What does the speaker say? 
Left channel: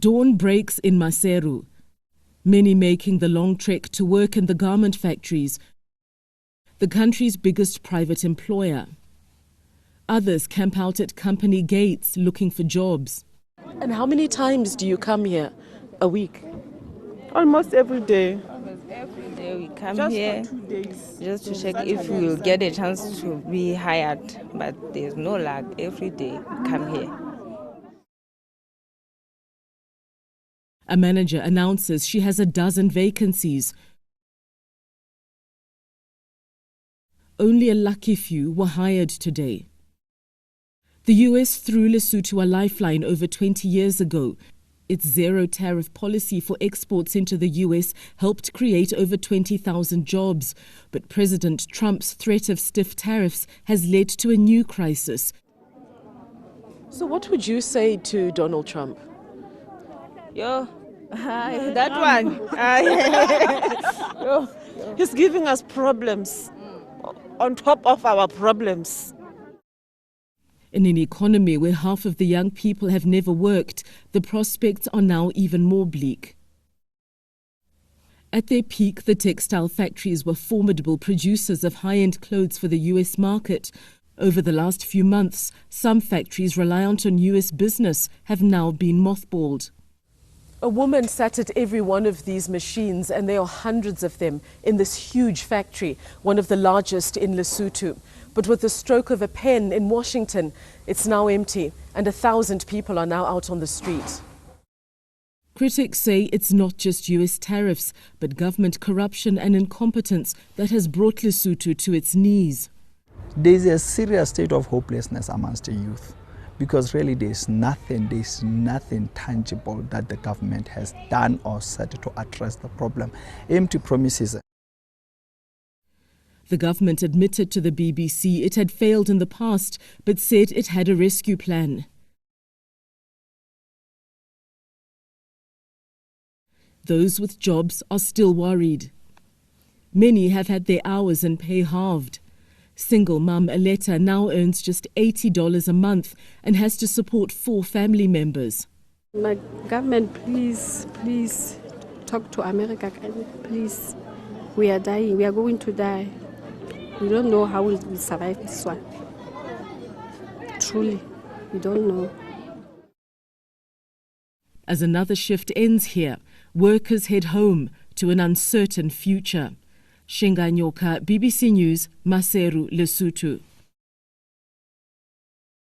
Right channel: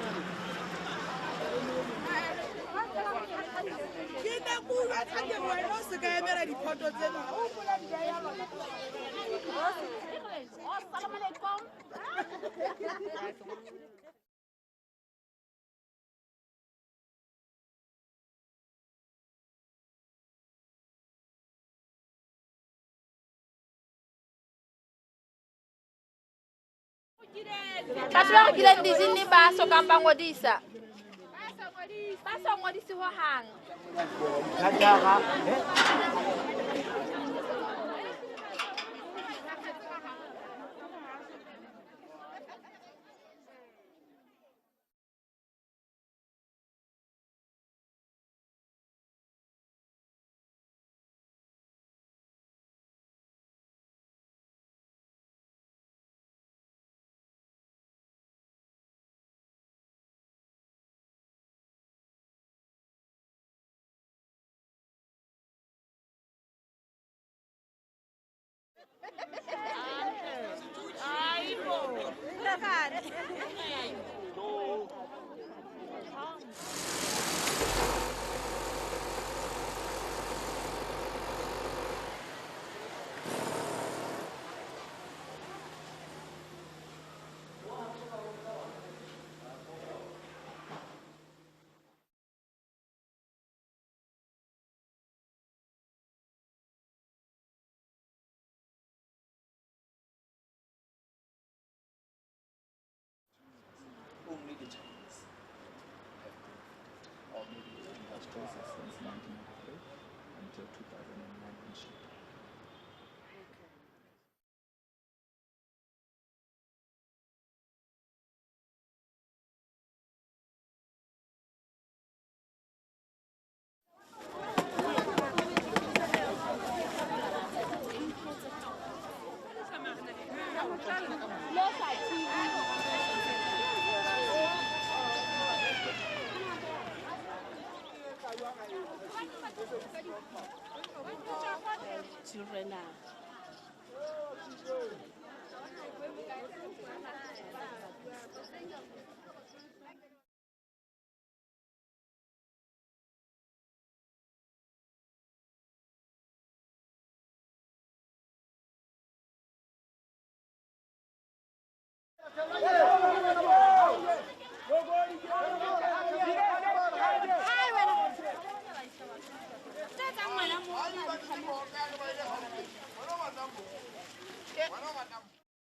Dawn breaks in Maseru, many making the long trek to work in the garment factories, the country's biggest private employer. Others camp out at company gates looking for jobs. And how many times do you come here a week? Almost every day. Every day we come Just here for 2 days. just to check if we will get a chance to be hired, but there's no luck. Every day we come here. A manager announces she has a dozen vacancies. Only a lucky few were hired today. The US threw Lesotho a lifeline over 20 years ago. Its zero-tariff policy for exports into the US helped create over 20,000 jobs. But President Trump's threat of stiff tariffs has led to a new crisis. So what would you say to Donald Trump? Yo, that one. Yo, he's giving us problems on top of our problems. In an economy where half of the young people have never worked, the prospects are now even more bleak. At their peak, the textile factories were formidable producers of high-end clothes for the US market. Over the last few months, some factories reliant on US business have now been mothballed. A woman sat at every one of these machines, and there are hundreds of them in this huge factory, one of the largest in Lesotho. But with the stroke of a pen in Washington, it's now empty, and 1,000 people are now out on the street. Critics say it's not just US tariffs, but government corruption and incompetence that has brought Lesotho to its knees. There's a serious state of hopelessness amongst the youth, because really there's nothing tangible that the government has done or said to address the problem. Empty promises. The government admitted to the BBC it had failed in the past, but said it had a rescue plan. Those with jobs are still worried. Many have had their hours and pay halved. Single mum Aletta now earns just $80 a month and has to support 4 family members. My government, please talk to America, please. We are dying, we are going to die. We don't know how we will survive this one. Truly, we don't know. As another shift ends here, workers head home to an uncertain future. Shinga Nyoka, BBC News, Maseru, Lesotho.